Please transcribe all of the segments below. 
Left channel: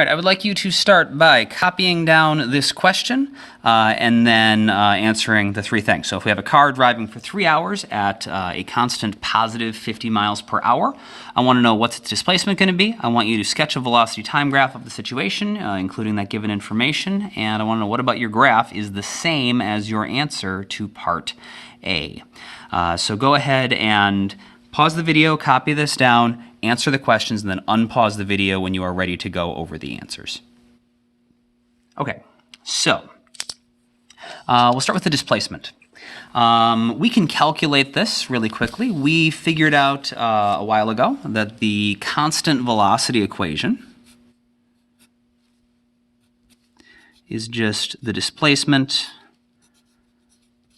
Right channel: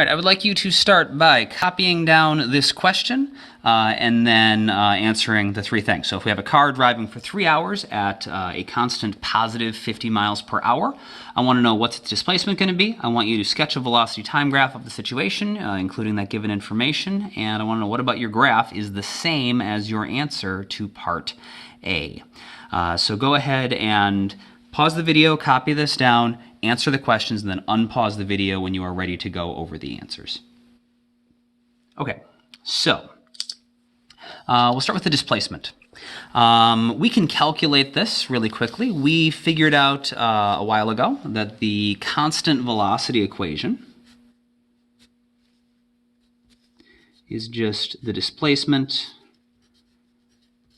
All right, I would like you to start by copying down this question and then answering the three things. So if we have a car driving for 3 hours at a constant positive 50 miles per hour, I want to know what's its displacement going to be. I want you to sketch a velocity time graph of the situation, including that given information. And I want to know what about your graph is the same as your answer to part A. So go ahead and pause the video, copy this down, answer the questions, and then unpause the video when you are ready to go over the answers. Okay, so we'll start with the displacement. We can calculate this really quickly. We figured out a while ago that the constant velocity equation is just the displacement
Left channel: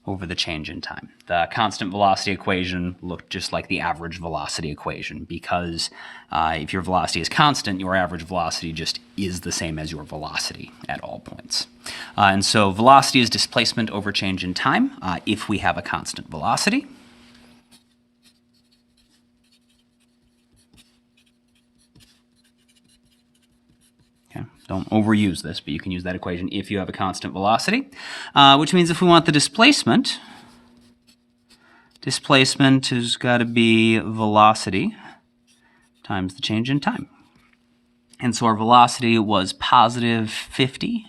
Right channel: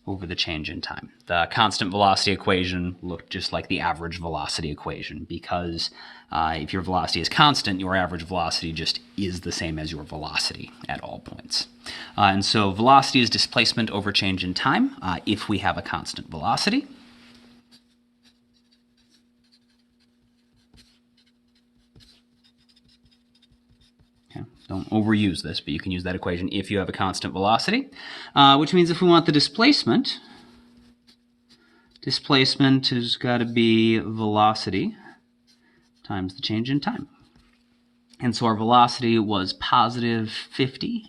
over the change in time. The constant velocity equation looked just like the average velocity equation because if your velocity is constant, your average velocity just is the same as your velocity at all points. And so velocity is displacement over change in time if we have a constant velocity. Don't overuse this, but you can use that equation if you have a constant velocity, which means if we want the displacement has got to be velocity times the change in time. And so our velocity was positive 50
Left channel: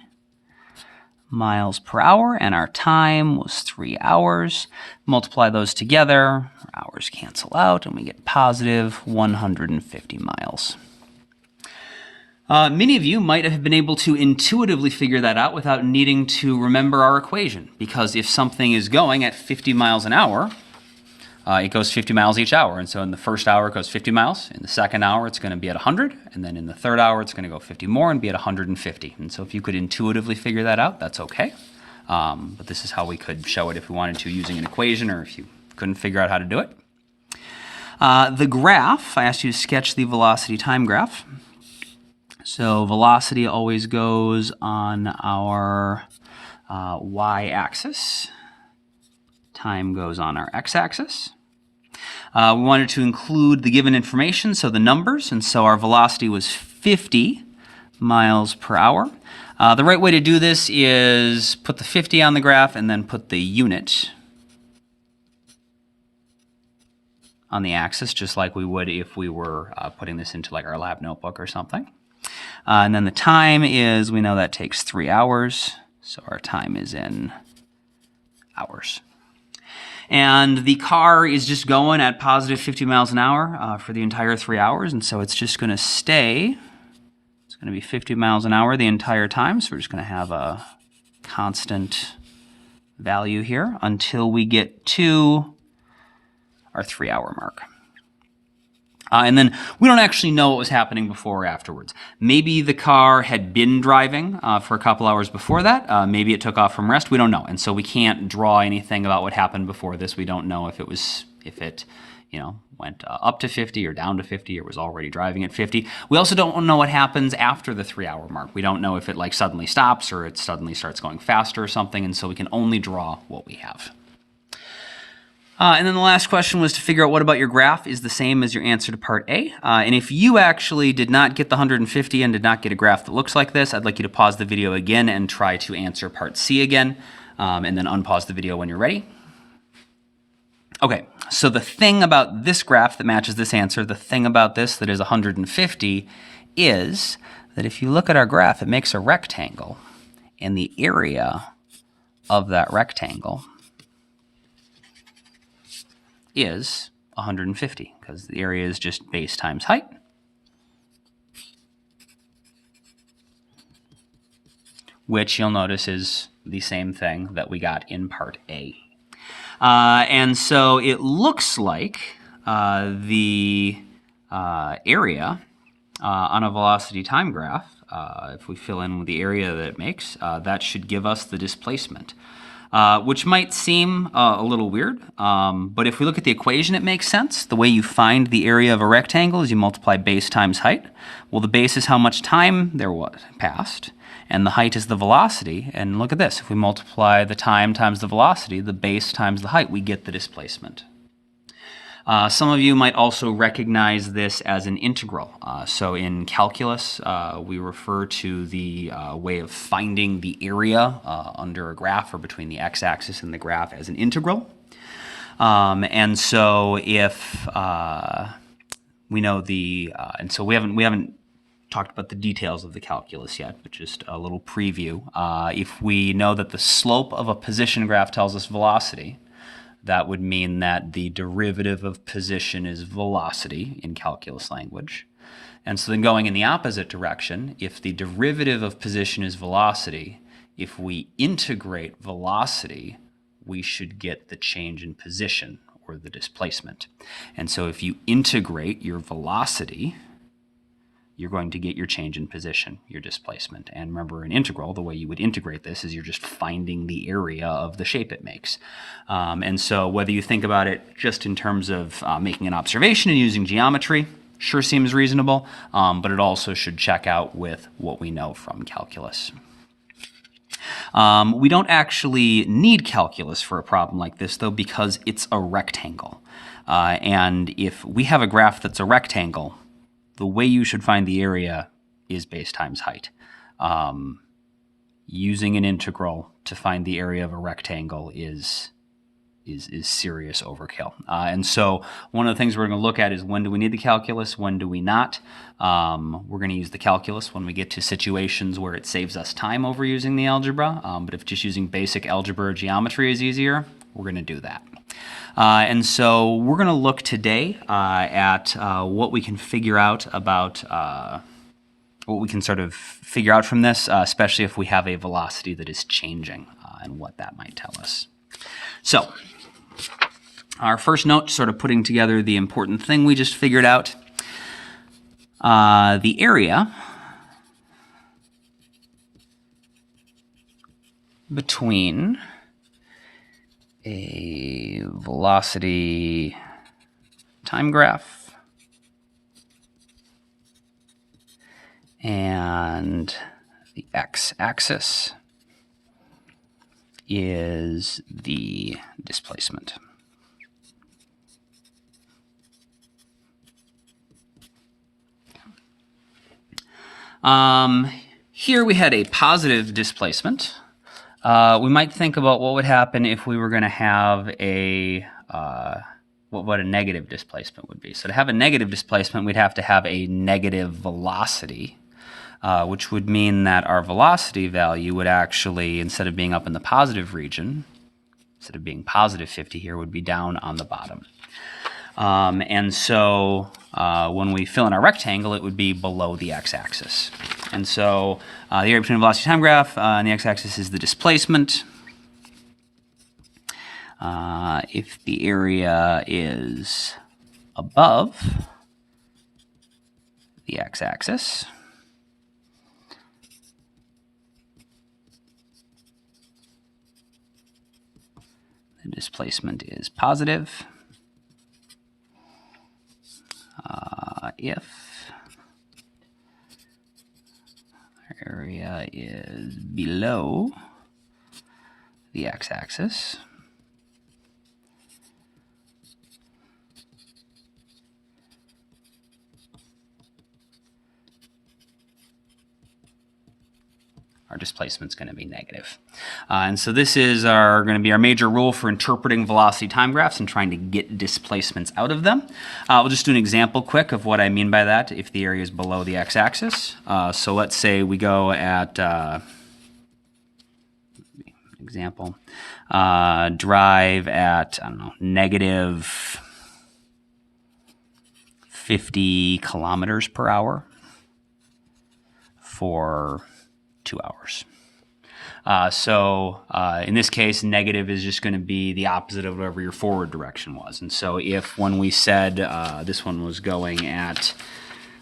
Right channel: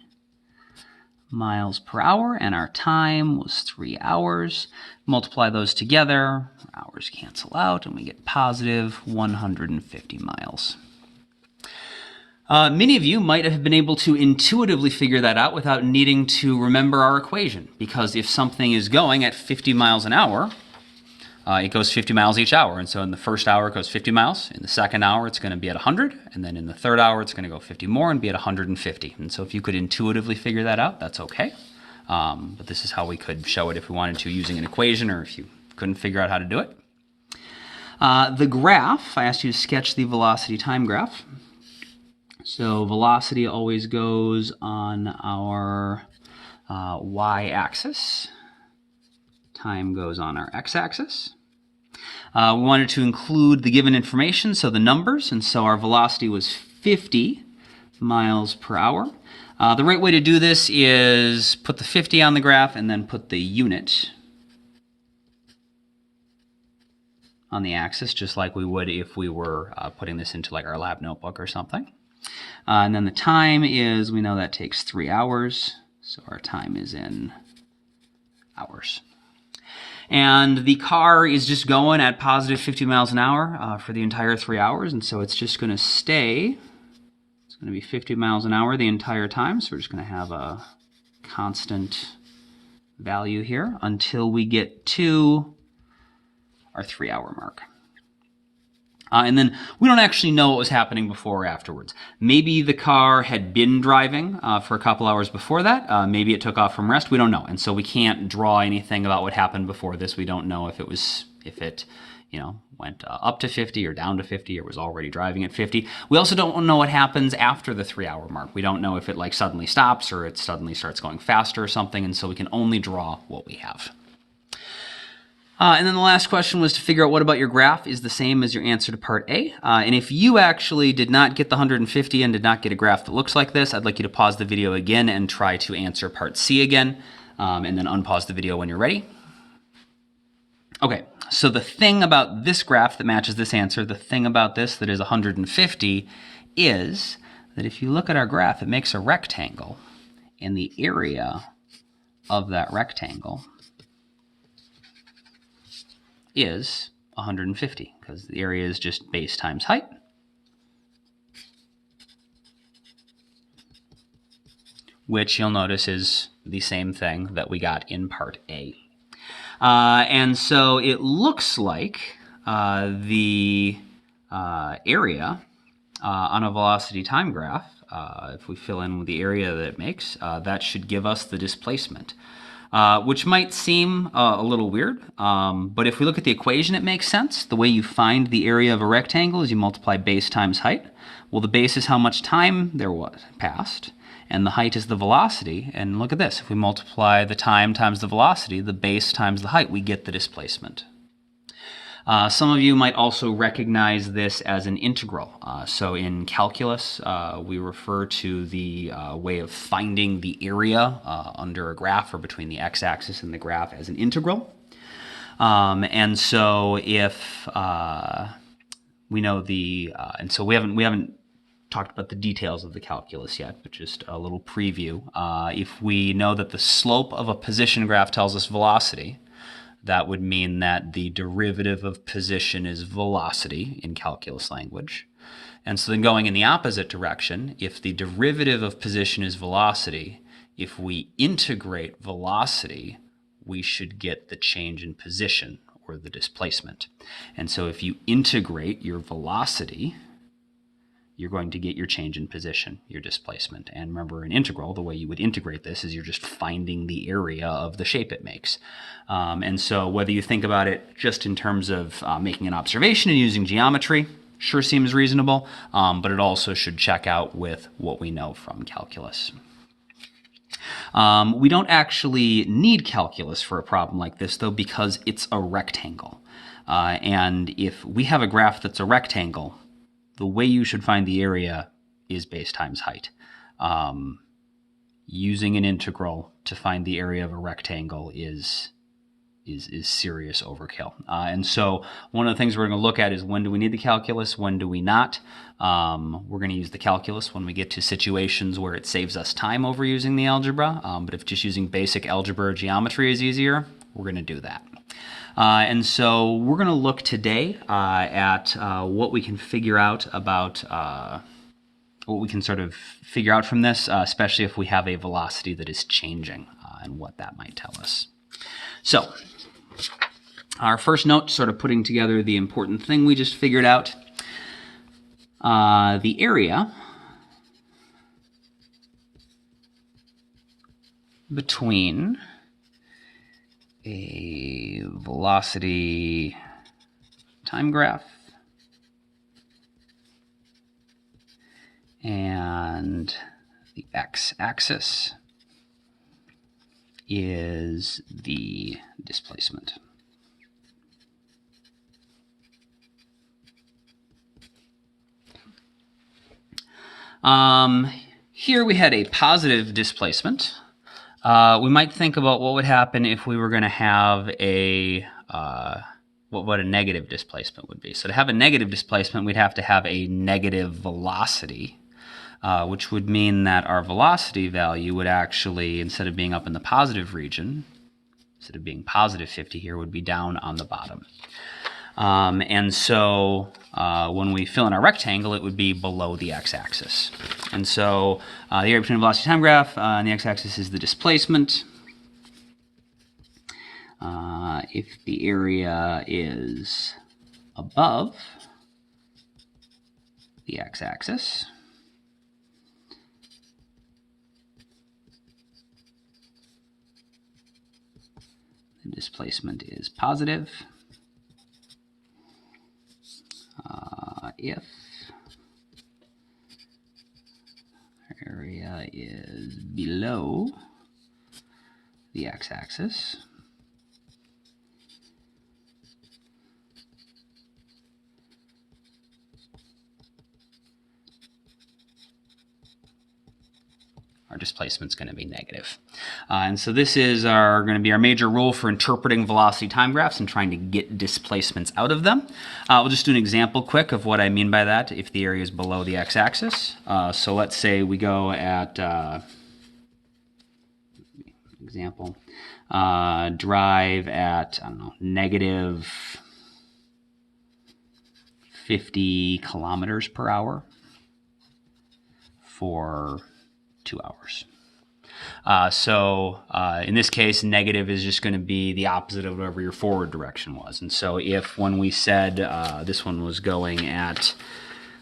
miles per hour, and our time was 3 hours. Multiply those together, our hours cancel out, and we get positive 150 miles. Many of you might have been able to intuitively figure that out without needing to remember our equation, because if something is going at 50 miles an hour, it goes 50 miles each hour. And so in the first hour, it goes 50 miles. In the second hour, it's going to be at 100. And then in the third hour, it's going to go 50 more and be at 150. And so if you could intuitively figure that out, that's okay. But this is how we could show it if we wanted to using an equation or if you couldn't figure out how to do it. The graph, I asked you to sketch the velocity time graph. So velocity always goes on our y-axis. Time goes on our x-axis. We wanted to include the given information, so the numbers, and so our velocity was 50 miles per hour. The right way to do this is put the 50 on the graph and then put the unit on the axis, just like we would if we were putting this into like our lab notebook or something. And then the time is, we know that takes 3 hours, so our time is in hours. And the car is just going at positive 50 miles an hour for the entire 3 hours, and so it's just going to stay. It's going to be 50 miles an hour the entire time, so we're just going to have a constant value here until we get to our 3 hour mark. And then we don't actually know what was happening before or afterwards.Maybe the car had been driving for a couple hours before that. Maybe it took off from rest. We don't know. And so we can't draw anything about what happened before this. We don't know if it went up to 50 or down to 50 or was already driving at 50. We also don't know what happens after the 3 hour mark. We don't know if it like suddenly stops or it suddenly starts going faster or something. And so we can only draw what we have. And then the last question was to figure out what about your graph is the same as your answer to part A. And if you actually did not get the 150 and did not get a graph that looks like this, I'd like you to pause the video again and try to answer part C again, and then unpause the video when you're ready. Okay, so the thing about this graph that matches this answer, the thing about this that is 150, is that if you look at our graph, it makes a rectangle, and the area of that rectangle is 150, because the area is just base times height. Which you'll notice is the same thing that we got in part A. And so it looks like the area on a velocity time graph, if we fill in the area that it makes, that should give us the displacement. Which might seem a little weird, but if we look at the equation, it makes sense. The way you find the area of a rectangle is you multiply base times height. Well, the base is how much time there was passed, and the height is the velocity. And look at this. If we multiply the time times the velocity, the base times the height, we get the displacement. Some of you might also recognize this as an integral. So in calculus, we refer to the way of finding the area under a graph or between the x-axis and the graph as an integral. And so if we know and so we haven't talked about the details of the calculus yet, but just a little preview. If we know that the slope of a position graph tells us velocity, that would mean that the derivative of position is velocity in calculus language. And so then going in the opposite direction, if the derivative of position is velocity, if we integrate velocity, we should get the change in position or the displacement. And so if you integrate your velocity, you're going to get your change in position, your displacement. And remember, an integral, the way you would integrate this is you're just finding the area of the shape it makes. And so whether you think about it just in terms of making an observation and using geometry, sure seems reasonable, but it also should check out with what we know from calculus. We don't actually need calculus for a problem like this, though, because it's a rectangle. And if we have a graph that's a rectangle, the way you should find the area is base times height. Using an integral to find the area of a rectangle is serious overkill. And so one of the things we're going to look at is when do we need the calculus, when do we not. We're going to use the calculus when we get to situations where it saves us time over using the algebra. But if just using basic algebra or geometry is easier, we're going to do that. And so we're going to look today at what we can figure out about what we can sort of figure out from this, especially if we have a velocity that is changing and what that might tell us. So our first note, sort of putting together the important thing we just figured out, the area between a velocity time graph and the x-axis is the displacement. Here we had a positive displacement. We might think about what would happen if we were going to have what a negative displacement would be. So to have a negative displacement, we'd have to have a negative velocity, which would mean that our velocity value would actually, instead of being up in the positive region, instead of being positive 50 here, would be down on the bottom. And so when we fill in our rectangle, it would be below the x-axis. And so the area between the velocity time graph and the x-axis is the displacement. If the area is above the x-axis, the displacement is positive. If area is below the x-axis, our displacement's going to be negative. And so this is going to be our major rule for interpreting velocity time graphs and trying to get displacements out of them. We'll just do an example quick of what I mean by that if the area is below the x-axis. So let's say we go at, example, drive at, I don't know, negative 50 kilometers per hour for 2 hours. In this case, negative is just going to be the opposite of whatever your forward direction was. And so if when we said this one was going at,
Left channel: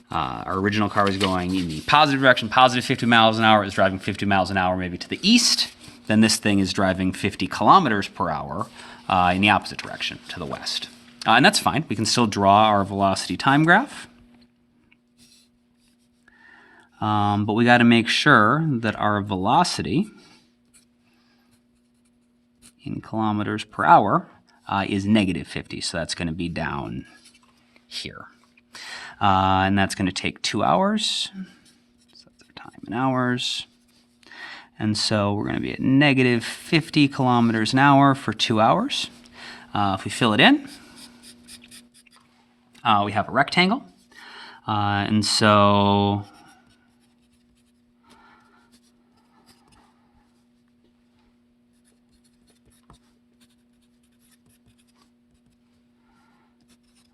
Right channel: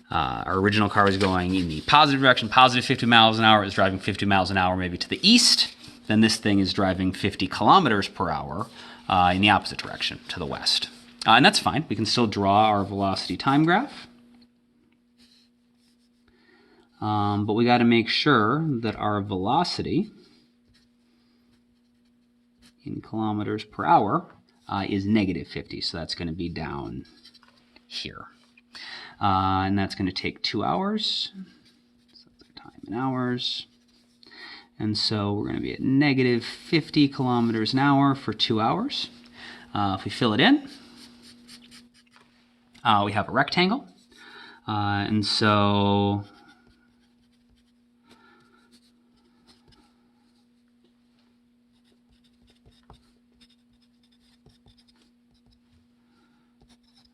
our original car was going in the positive direction, positive 50 miles an hour, it was driving 50 miles an hour maybe to the east, then this thing is driving 50 kilometers per hour in the opposite direction, to the west. And that's fine. We can still draw our velocity time graph. But we got to make sure that our velocity in kilometers per hour is negative 50, so that's going to be down here. And that's going to take 2 hours. So that's our time in hours. And so we're going to be at negative 50 kilometers an hour for 2 hours. If we fill it in, we have a rectangle. And so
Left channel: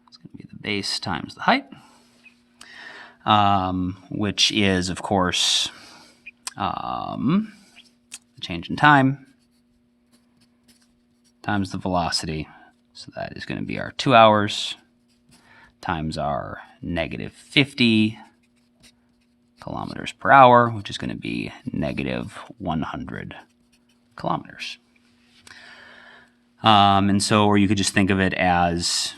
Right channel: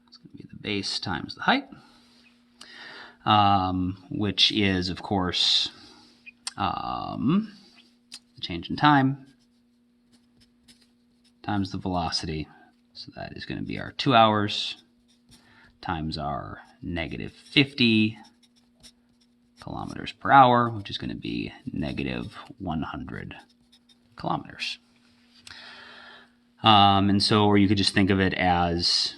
it's going to be the base times the height, which is, of course, change in time times the velocity. So that is going to be our 2 hours times our negative 50 kilometers per hour, which is going to be negative 100 kilometers. And so, or you could just think of it as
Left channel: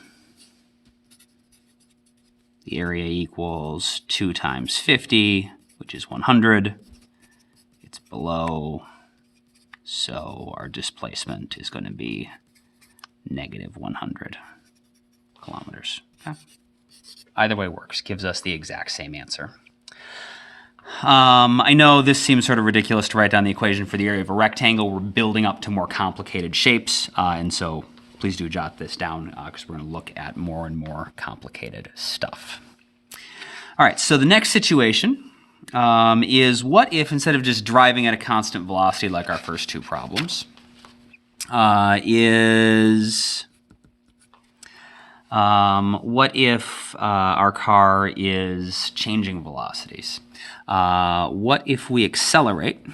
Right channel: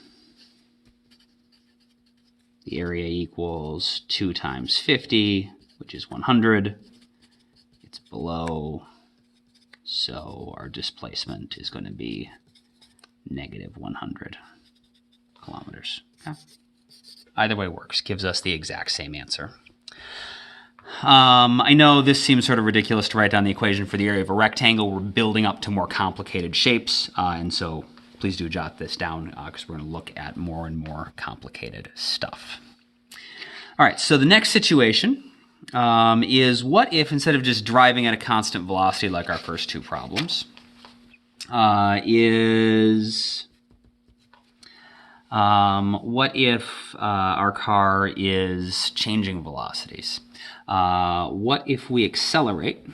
the area equals 2 times 50, which is 100. It's below, so our displacement is going to be negative 100 kilometers. Okay. Either way works, gives us the exact same answer. I know this seems sort of ridiculous to write down the equation for the area of a rectangle. We're building up to more complicated shapes, and so please do jot this down because we're going to look at more and more complicated stuff. All right, so the next situation is what if instead of just driving at a constant velocity like our first two problems, what if our car is changing velocities? What if we accelerate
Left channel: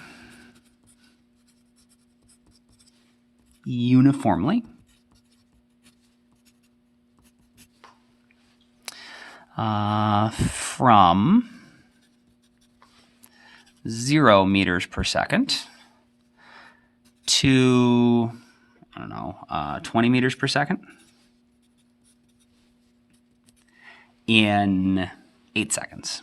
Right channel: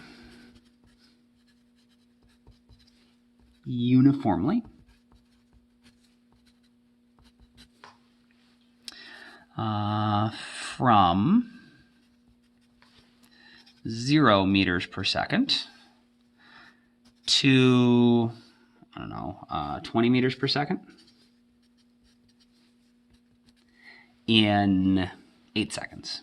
uniformly from 0 meters per second to, 20 meters per second in 8 seconds?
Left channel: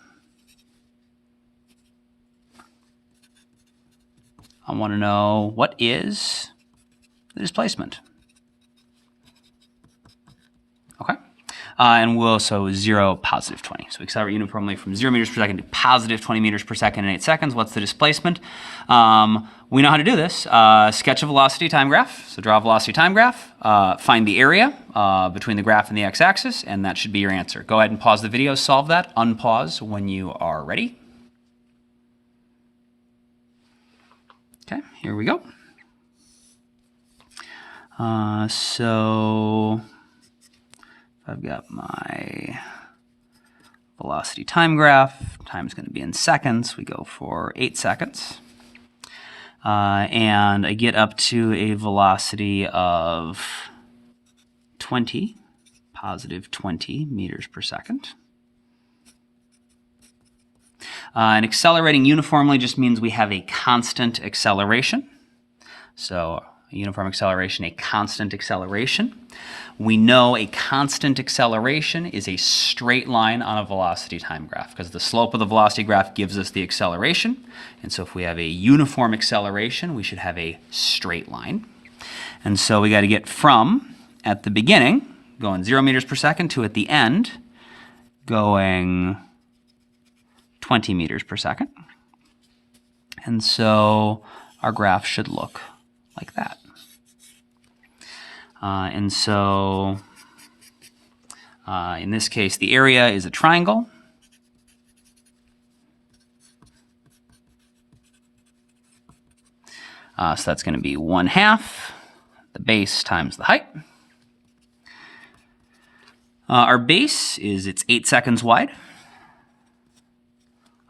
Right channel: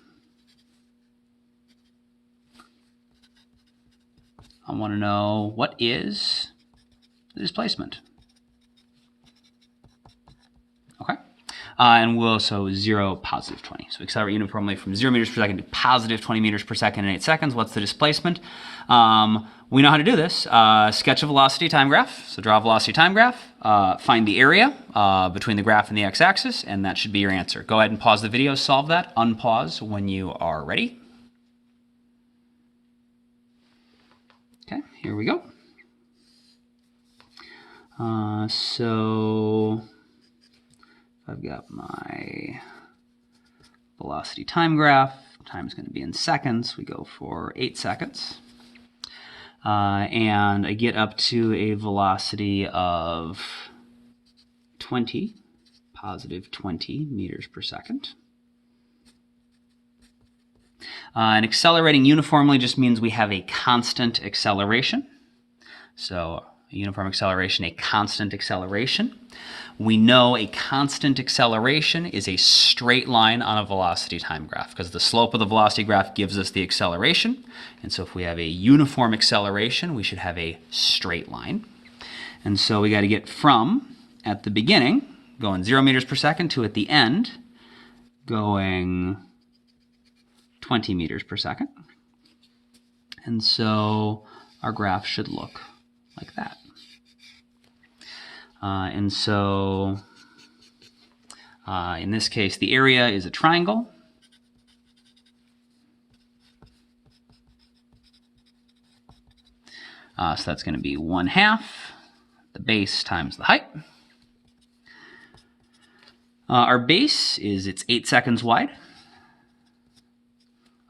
I want to know, what is the displacement? Okay. And we'll, so 0, positive 20. So we accelerate uniformly from 0 meters per second to positive 20 meters per second in 8 seconds. What's the displacement? We know how to do this. Sketch a velocity time graph. So draw a velocity time graph. Find the area between the graph and the x-axis, and that should be your answer. Go ahead and pause the video, solve that. Unpause when you are ready. Okay, here we go. So I've got my velocity time graph. Time's going to be in seconds. We go for 8 seconds. And I get up to a velocity of 20, positive 20 meters per second. And accelerating uniformly just means we have a constant acceleration. So a uniform acceleration, a constant acceleration. We know a constant acceleration is a straight line on a velocity time graph because the slope of the velocity graph gives us the acceleration. And so if we have a uniform acceleration, we should have a straight line. And so we got to get from, at the beginning, going 0 meters per second, to at the end, going 20 meters per second. And so our graph should look like that. And so in this case, the area is a triangle. So that's going to be 1/2 the base times the height. Our base is, it's 8 seconds wide.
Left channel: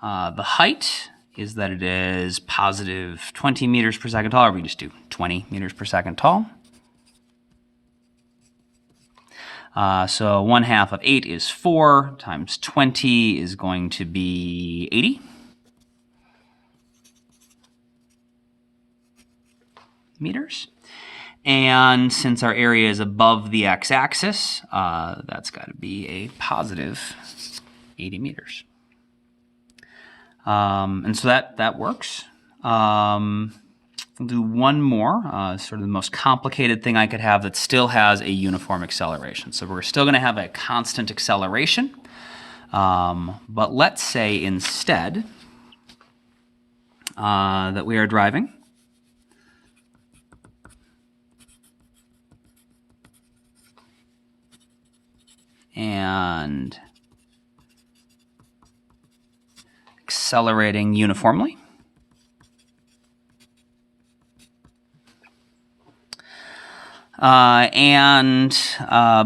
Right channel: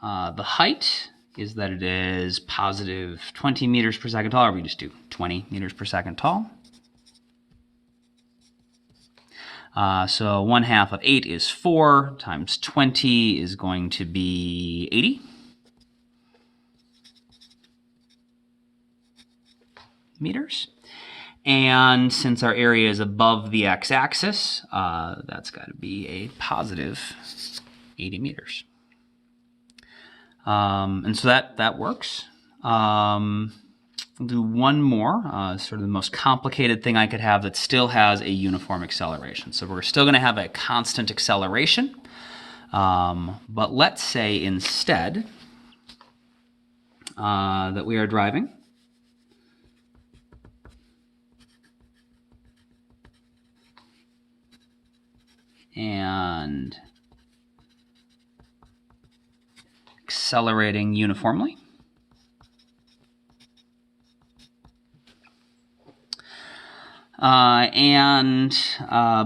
The height is that it is positive 20 meters per second tall, or we just do 20 meters per second tall. So 1/2 of 8 is 4, times 20 is going to be 80 meters. And since our area is above the x-axis, that's got to be a positive 80 meters. And so that works. We'll do one more, sort of the most complicated thing I could have that still has a uniform acceleration. So we're still going to have a constant acceleration, but let's say instead that we are driving and accelerating uniformly.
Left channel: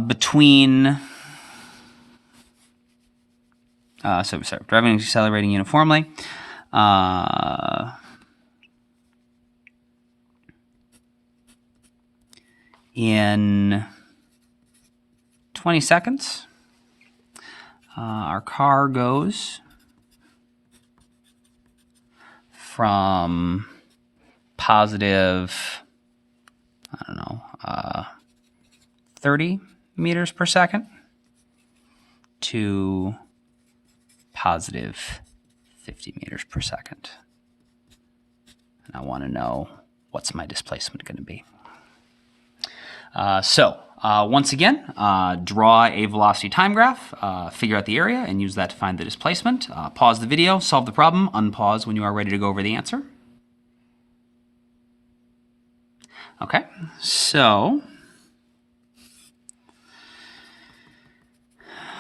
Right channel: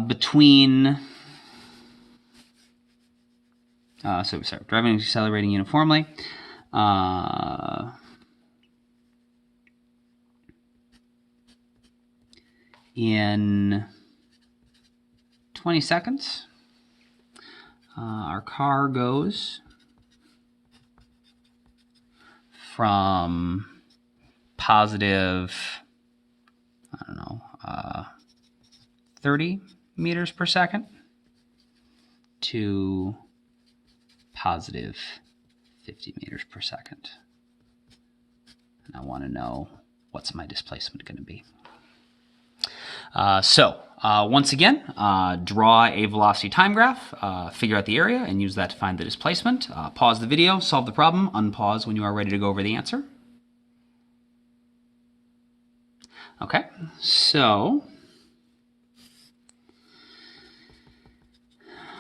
Between, driving and accelerating uniformly. In 20 seconds, our car goes from positive, 30 meters per second to positive 50 meters per second. And I want to know what's my displacement going to be. Once again, draw a velocity time graph, figure out the area, and use that to find the displacement. Pause the video, solve the problem, unpause when you are ready to go over the answer. Okay, so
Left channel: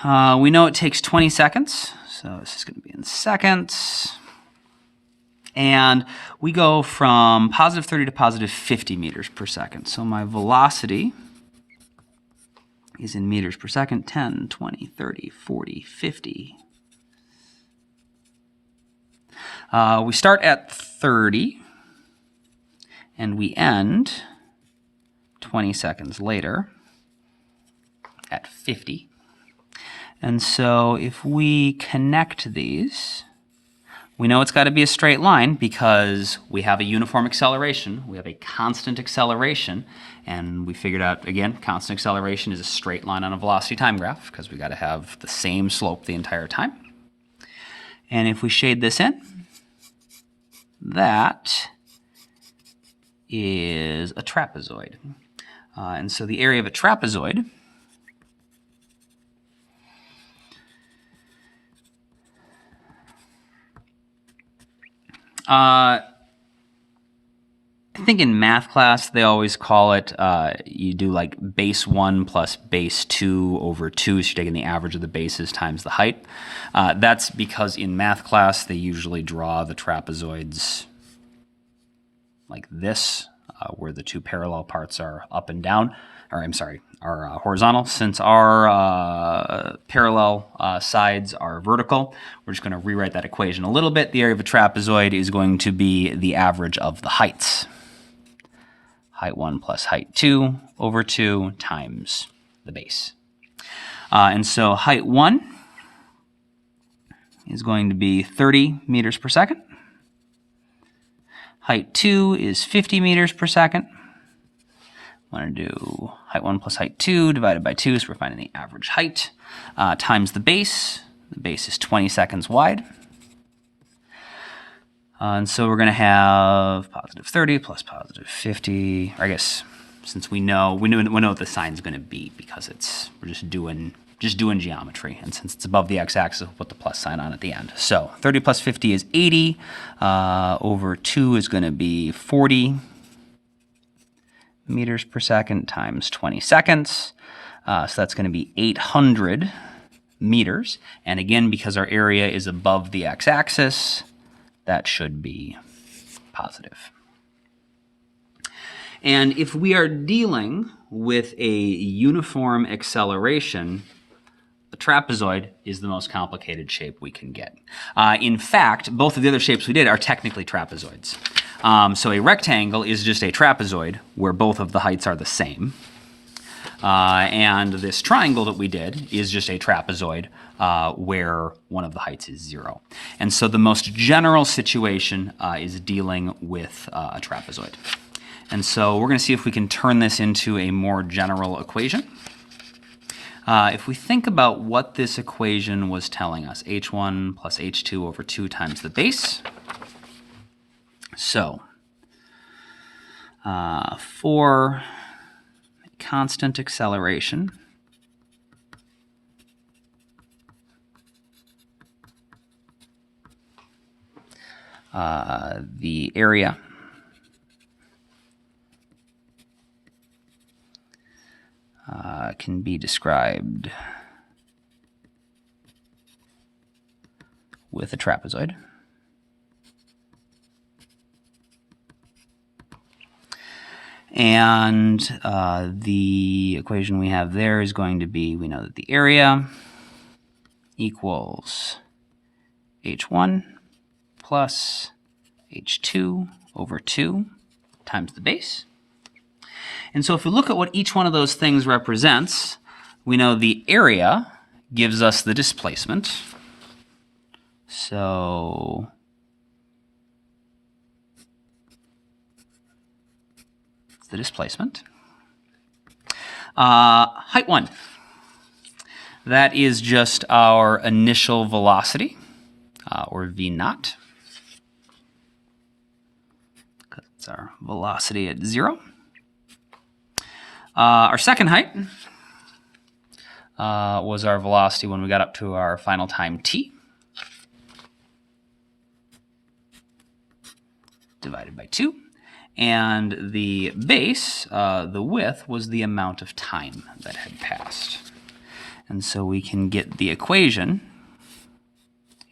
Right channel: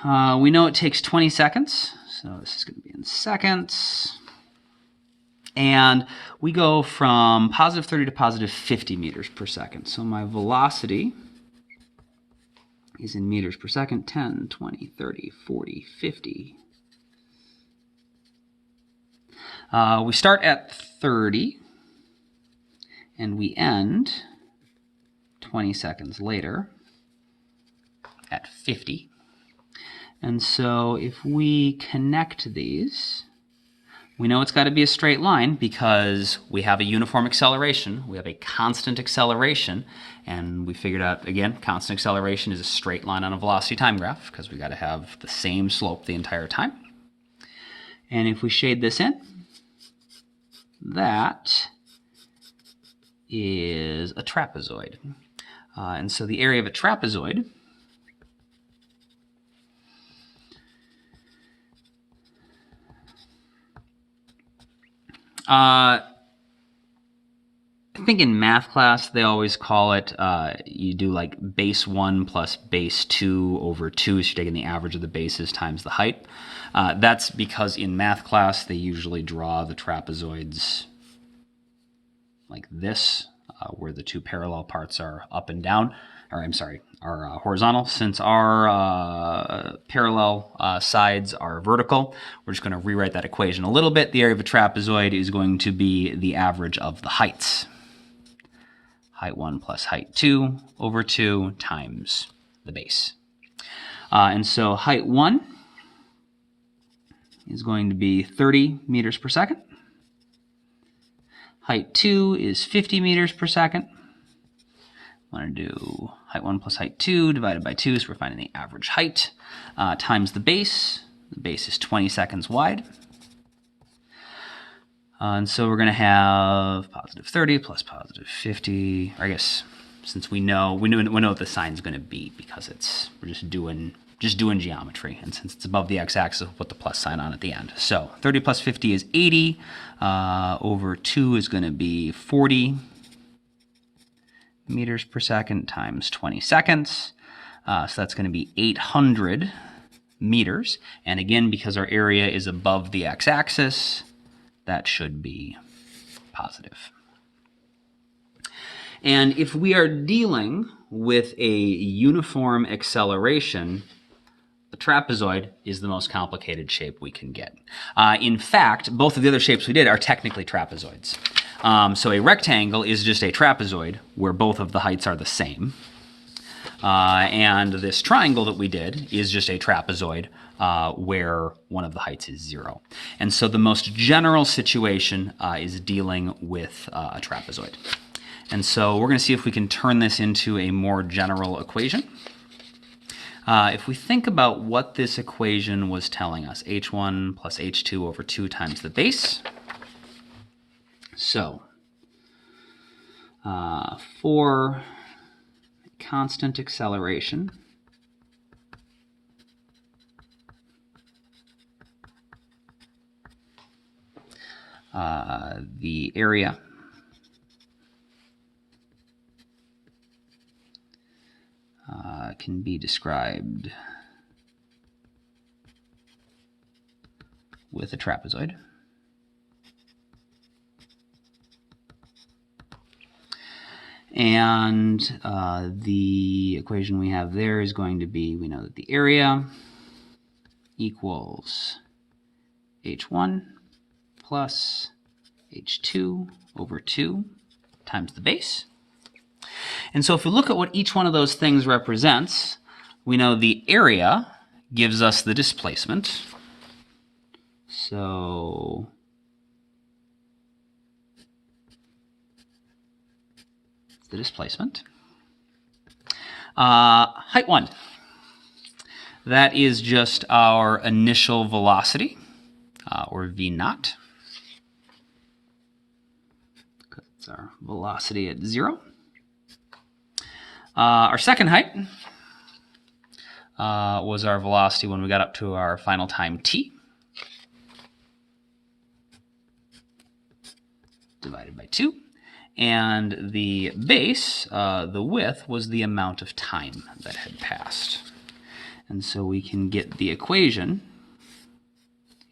we know it takes 20 seconds, so this is going to be in seconds. And we go from positive 30 to positive 50 meters per second. So my velocity is in meters per second, 10, 20, 30, 40, 50. We start at 30, and we end 20 seconds later at 50. And so if we connect these, we know it's got to be a straight line because we have a uniform acceleration, we have a constant acceleration, and we figured out, again, constant acceleration is a straight line on a velocity time graph because we got to have the same slope the entire time. And if we shade this in, that is a trapezoid. And so the area of a trapezoid I think in math class they always call it, you do like base 1 plus base 2 over 2, so you're taking the average of the bases times the height. That's because in math class they usually draw the trapezoids like this, where the two parallel parts are up and down, or I'm sorry, are horizontal. Since our parallel sides are vertical, we're just going to rewrite that equation a little bit. The area of a trapezoid is going to be the average of the heights. Height 1 plus height 2 over 2 times the base. And so height 1 is going to be 30 meters per second. Height 2 is 50 meters per second. I want to do height 1 plus height 2 divided by 2, so we're finding the average height, times the base. The base is 20 seconds wide. And so we're going to have positive 30 plus positive 50. Or I guess since we know what the sign's going to be because we're just doing geometry, and since it's above the x-axis, we'll put the plus sign on at the end. So 30 plus 50 is 80. Over 2 is going to be 40 meters per second times 20 seconds. So that's going to be 800 meters. And again, because our area is above the x-axis, that should be positive. And if we are dealing with a uniform acceleration, the trapezoid is the most complicated shape we can get. In fact, both of the other shapes we did are technically trapezoids. So a rectangle is just a trapezoid where both of the heights are the same. And this triangle that we did is just a trapezoid where one of the heights is 0. And so the most general situation is dealing with a trapezoid. And so we're going to see if we can turn this into a more general equation. If we think about what this equation was telling us, h1 plus h2 over 2 times the base. So for constant acceleration, the area can be described with a trapezoid. And the equation we have there is going to be, we know that the area equals h1 plus h2 over 2 times the base. And so if we look at what each one of those things represents, we know the area gives us the displacement. So it's the displacement. Height 1. That is just our initial velocity, or v naught. That's our velocity at 0. Our second height was our velocity when we got up to our final time t, divided by 2. And the base, the width, was the amount of time that had passed. And so we can get the equation,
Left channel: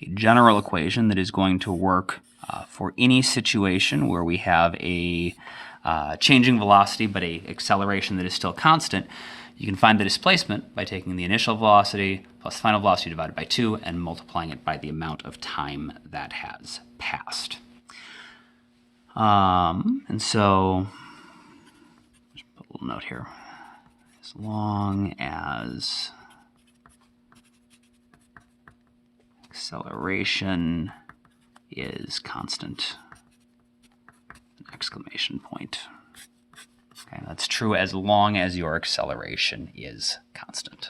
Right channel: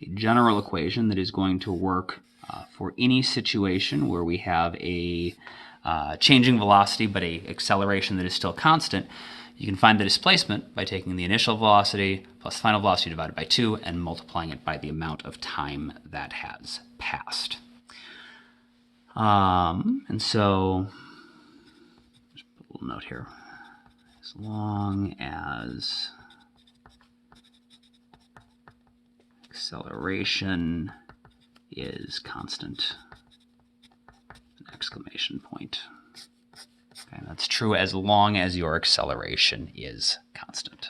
a general equation that is going to work for any situation where we have a changing velocity but a acceleration that is still constant. You can find the displacement by taking the initial velocity plus final velocity divided by 2 and multiplying it by the amount of time that has passed. And so, just put a little note here. As long as acceleration is constant, exclamation point. Okay, that's true as long as your acceleration is constant.